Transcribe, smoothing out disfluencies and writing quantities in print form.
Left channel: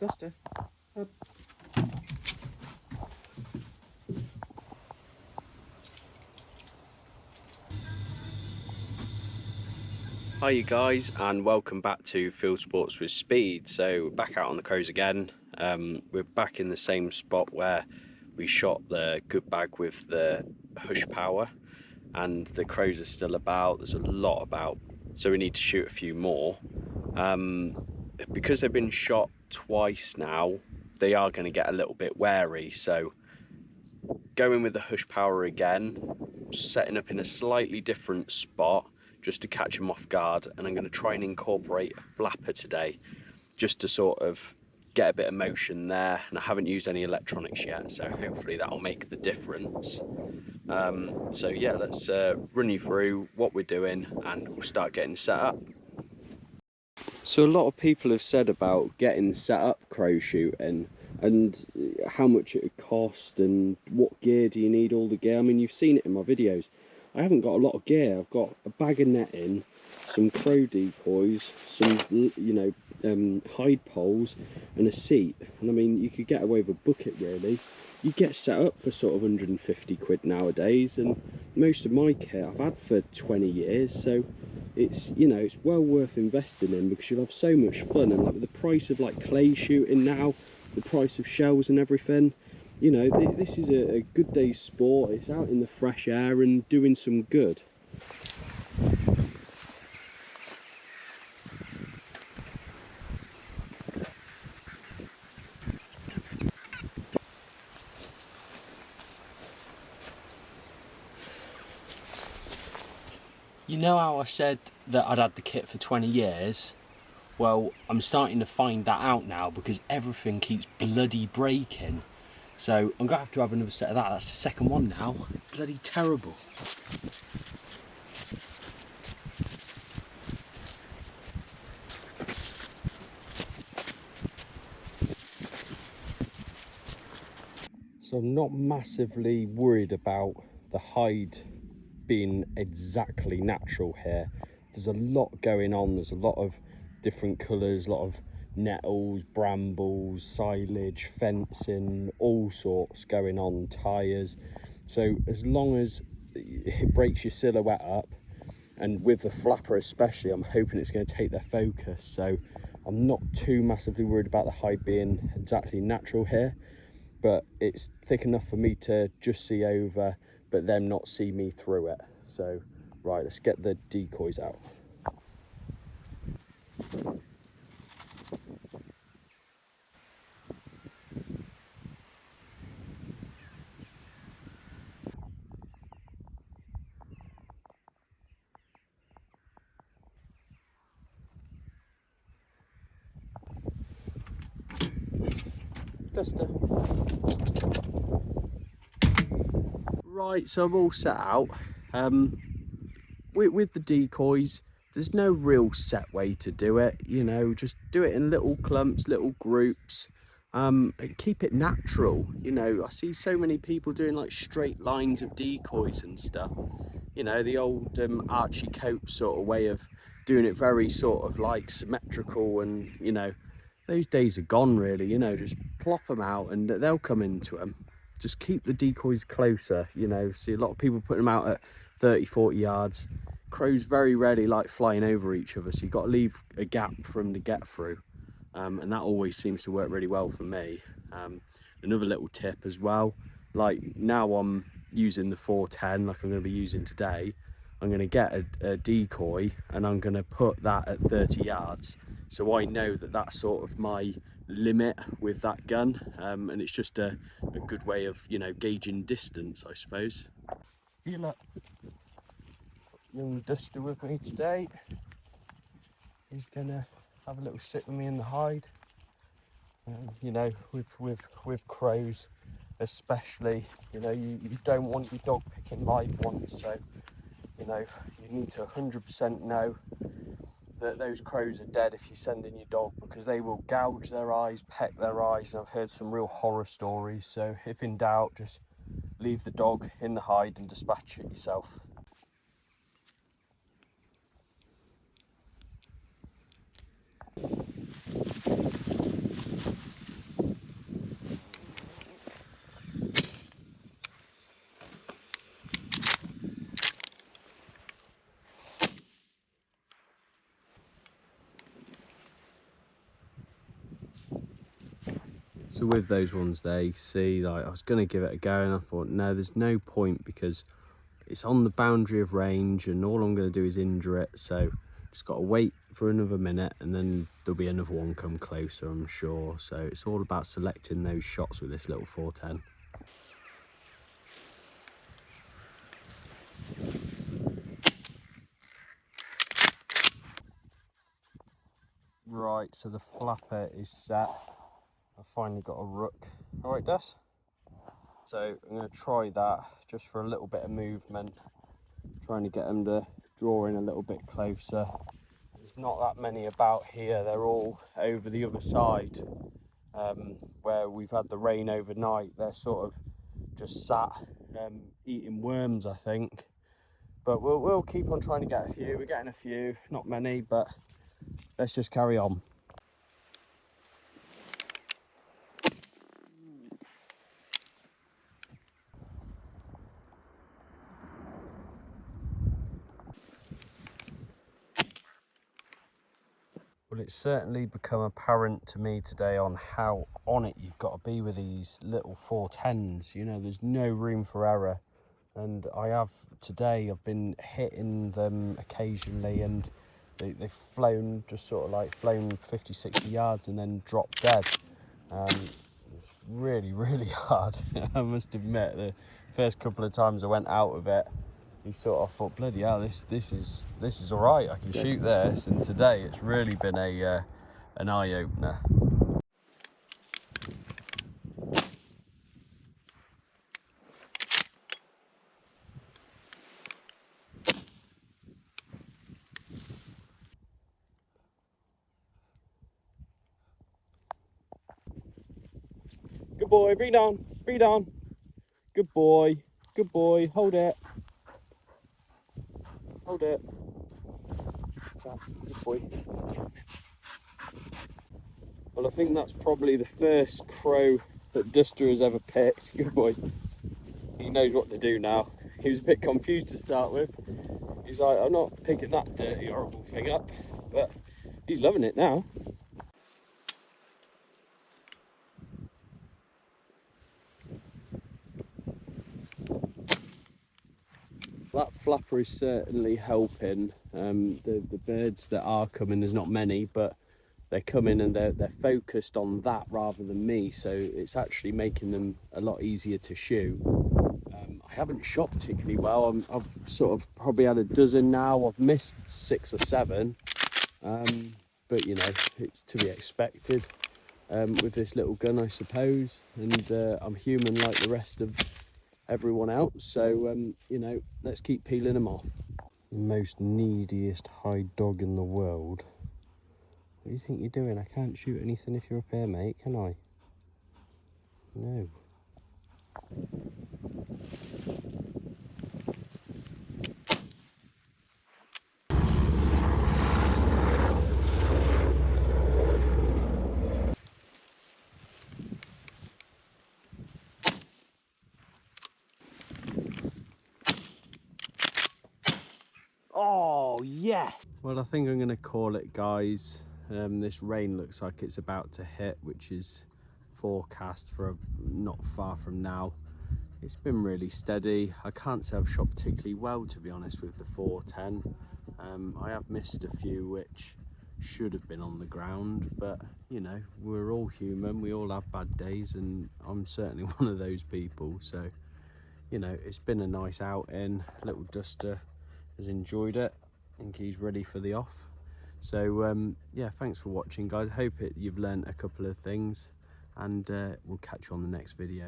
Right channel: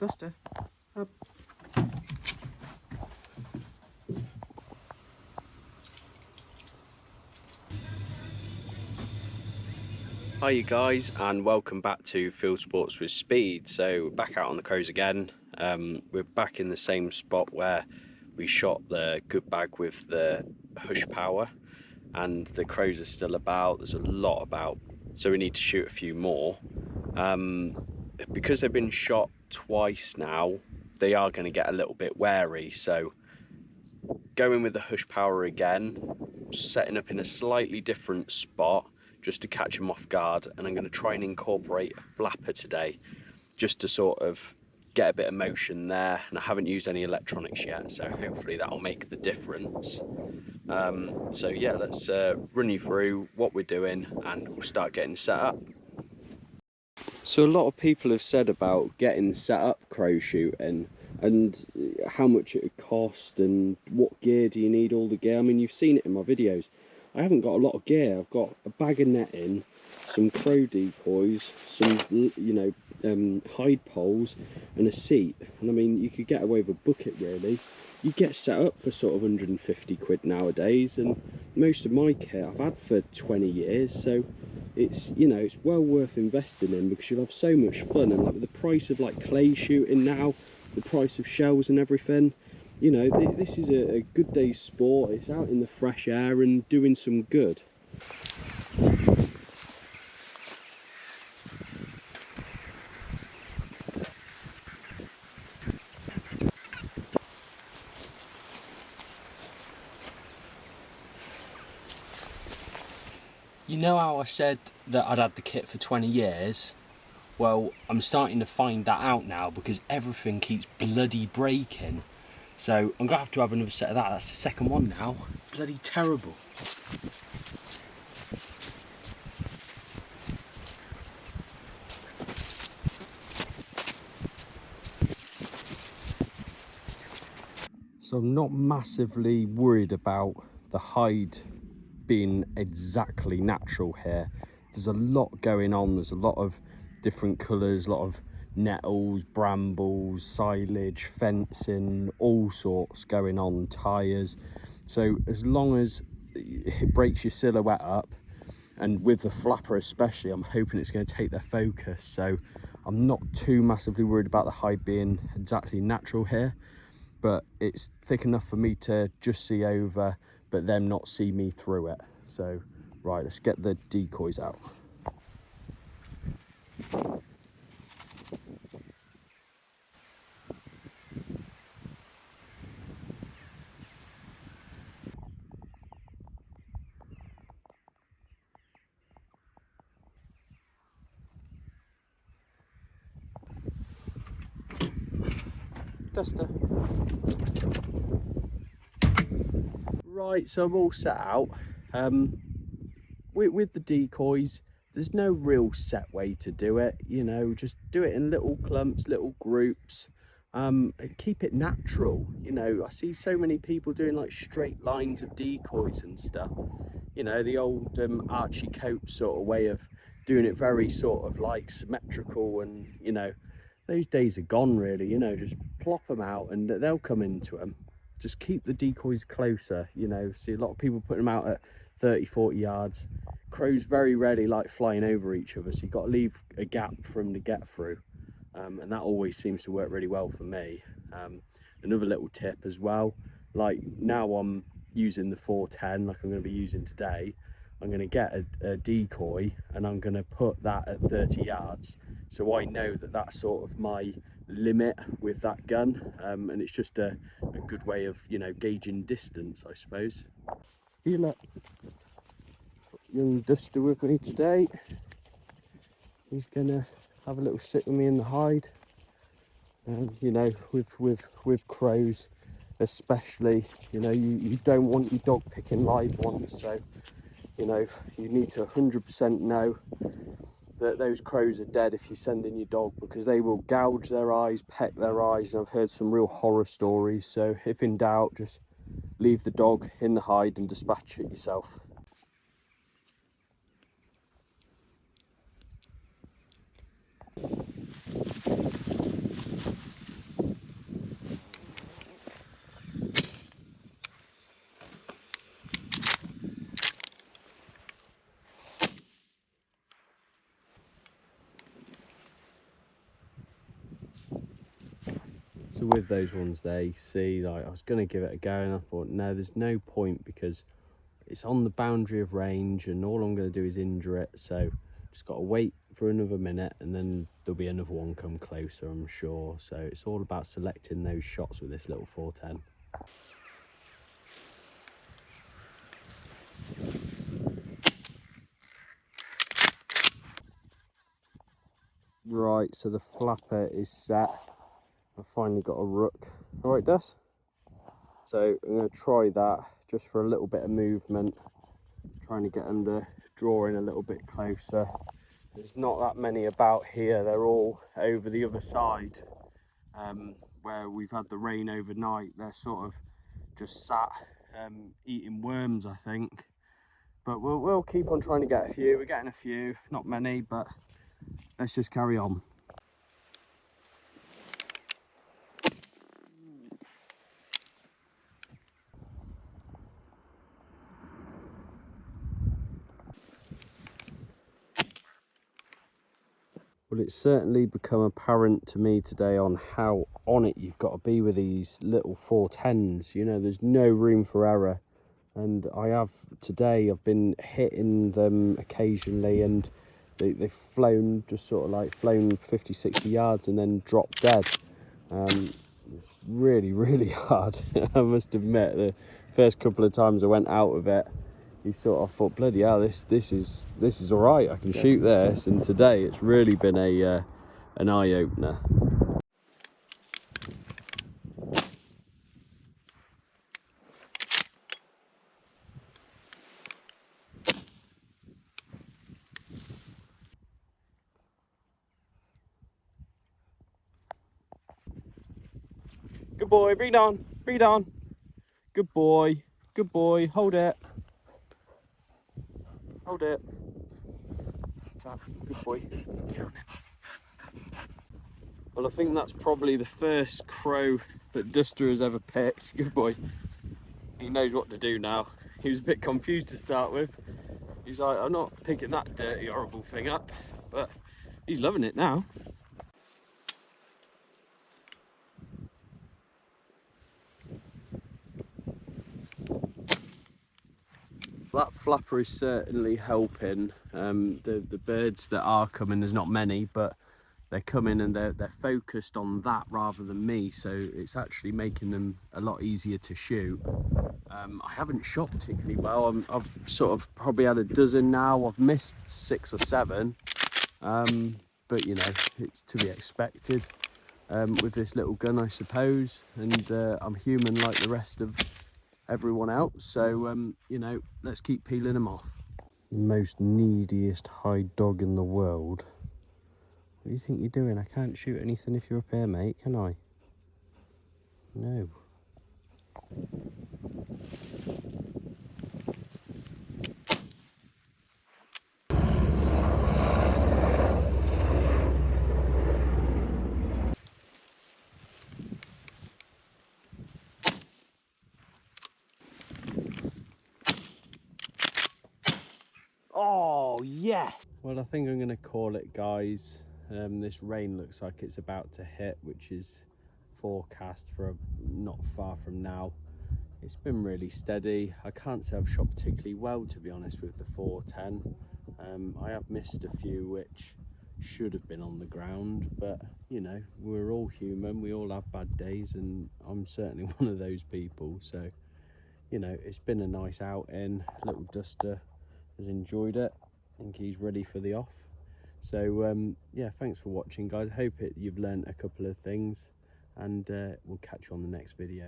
Duster, up. Hi you guys, and welcome back to Field Sports with Speed. So we're back out on the crows again. We're back in the same spot where we shot the good bag with the Hushpower, and the crows are still about. There's a lot about, so we need to shoot a few more. Because they've been shot twice now, they are going to get a little bit wary. So going with the Hushpower again, setting up in a slightly different spot just to catch them off guard, and I'm going to try and incorporate a flapper today just to sort of get a bit of motion there, and I haven't used any electronics yet, so hopefully that'll make the difference. So yeah, let's run you through what we're doing and we'll start getting set up. So a lot of people have said about getting set up crow shooting and how much it would cost and what gear do you need, all the gear. I mean, you've seen it in my videos. I haven't got a lot of gear. I've got a bag of netting, some crow decoys, some hide poles and a seat. And I mean, you could get away with a bucket really. You get set up for sort of 150 quid nowadays, and most of my kit I've had for 20 years, so it's, you know, it's well worth investing in because you'll have so much fun. And like with the price of like clay shooting now, the price of shells and everything, you know, this is a good day's sport. It's out in the fresh air and doing some good. You know how I said that I'd had the kit for 20 years? Well, I'm starting to find that out now because everything keeps bloody breaking. So I'm going to have another set of that. That's the second one now. Bloody terrible. So I'm not massively worried about the hide being exactly natural here. There's a lot going on. There's a lot of different colours, a lot of nettles, brambles, silage, fencing, all sorts going on, tyres. So as long as it breaks your silhouette up, and with the flapper especially, I'm hoping it's going to take their focus. So I'm not too massively worried about the hide being exactly natural here, but it's thick enough for me to just see over but them not see me through it. So right, let's get the decoys out. Duster. Right, so I'm all set out. With the decoys, there's no real set way to do it, you know, just do it in little clumps, little groups, and keep it natural. You know, I see so many people doing like straight lines of decoys and stuff, you know, the old Archie Coates sort of way of doing it, very sort of like symmetrical, and you know, those days are gone really. You know, just plop them out and they'll come into them. Just keep the decoys closer, you know. See a lot of people putting them out at 30-40 yards. Crows very rarely like flying over each other, so you've got to leave a gap for them to get through, and that always seems to work really well for me. Another little tip as well, like now I'm using the 410 like I'm going to be using today. I'm going to get a decoy and I'm going to put that at 30 yards, so I know that that's sort of my limit with that gun, and it's just a good way of, you know, gauging distance, I suppose. Here, look, young Duster with me today. He's gonna have a little sit with me in the hide. You know, with crows especially, you know, you don't want your dog picking live ones, so you know, you need to 100% know that those crows are dead if you send in your dog, because they will gouge their eyes, peck their eyes. I've heard some real horror stories, so if in doubt, just leave the dog in the hide and dispatch it yourself. So with those ones there, you see, like, I was going to give it a go and I thought, no, there's no point because it's on the boundary of range and all I'm going to do is injure it. So just got to wait for another minute and then there'll be another one come closer, I'm sure. So it's all about selecting those shots with this little 410. Right, so the flapper is set. I've finally got a rook. Right, Des? So I'm going to try that just for a little bit of movement, trying to get them to draw in a little bit closer. There's not that many about here, they're all over the other side, where we've had the rain overnight. They're sort of just sat eating worms, I think. But we'll keep on trying to get a few. We're getting a few, not many, but let's just carry on. Well, it's certainly become apparent to me today on how on it you've got to be with these little 410s. You know, there's no room for error. And I've been hitting them occasionally and they've flown, just sort of like flown 50, 60 yards and then dropped dead. It's really, really hard. I must admit, the first couple of times I went out of it, you sort of thought, bloody hell, this is all right, I can shoot this. And today it's really been an eye-opener. Good boy, breathe on, breathe on. Good boy, hold it. Hold it. Good boy. Well, I think that's probably the first crow that Duster has ever picked. Good boy. He knows what to do now. He was a bit confused to start with. He's like, I'm not picking that dirty, horrible thing up, but he's loving it now. That flapper is certainly helping. The birds that are coming, there's not many, but they're coming and they're focused on that rather than me, so it's actually making them a lot easier to shoot. I haven't shot particularly well. I've sort of probably had a dozen now. I've missed 6 or 7, but you know, it's to be expected with this little gun, I suppose, and I'm human like the rest of everyone else, so you know, let's keep peeling them off. Most neediest hide dog in the world. What do you think you're doing? I can't shoot anything if you're up here, mate, can I? No. Oh, yes! Well, I think I'm going to call it, guys. This rain looks like it's about to hit, which is forecast for not far from now. It's been really steady. I can't say I've shot particularly well, to be honest, with the 410. I have missed a few which should have been on the ground, but you know, we're all human, we all have bad days, and I'm certainly one of those people. So you know, it's been a nice outing. Little Duster has enjoyed it. I think he's ready for the off. So yeah, thanks for watching, guys. I hope you've learned a couple of things, and we'll catch you on the next video.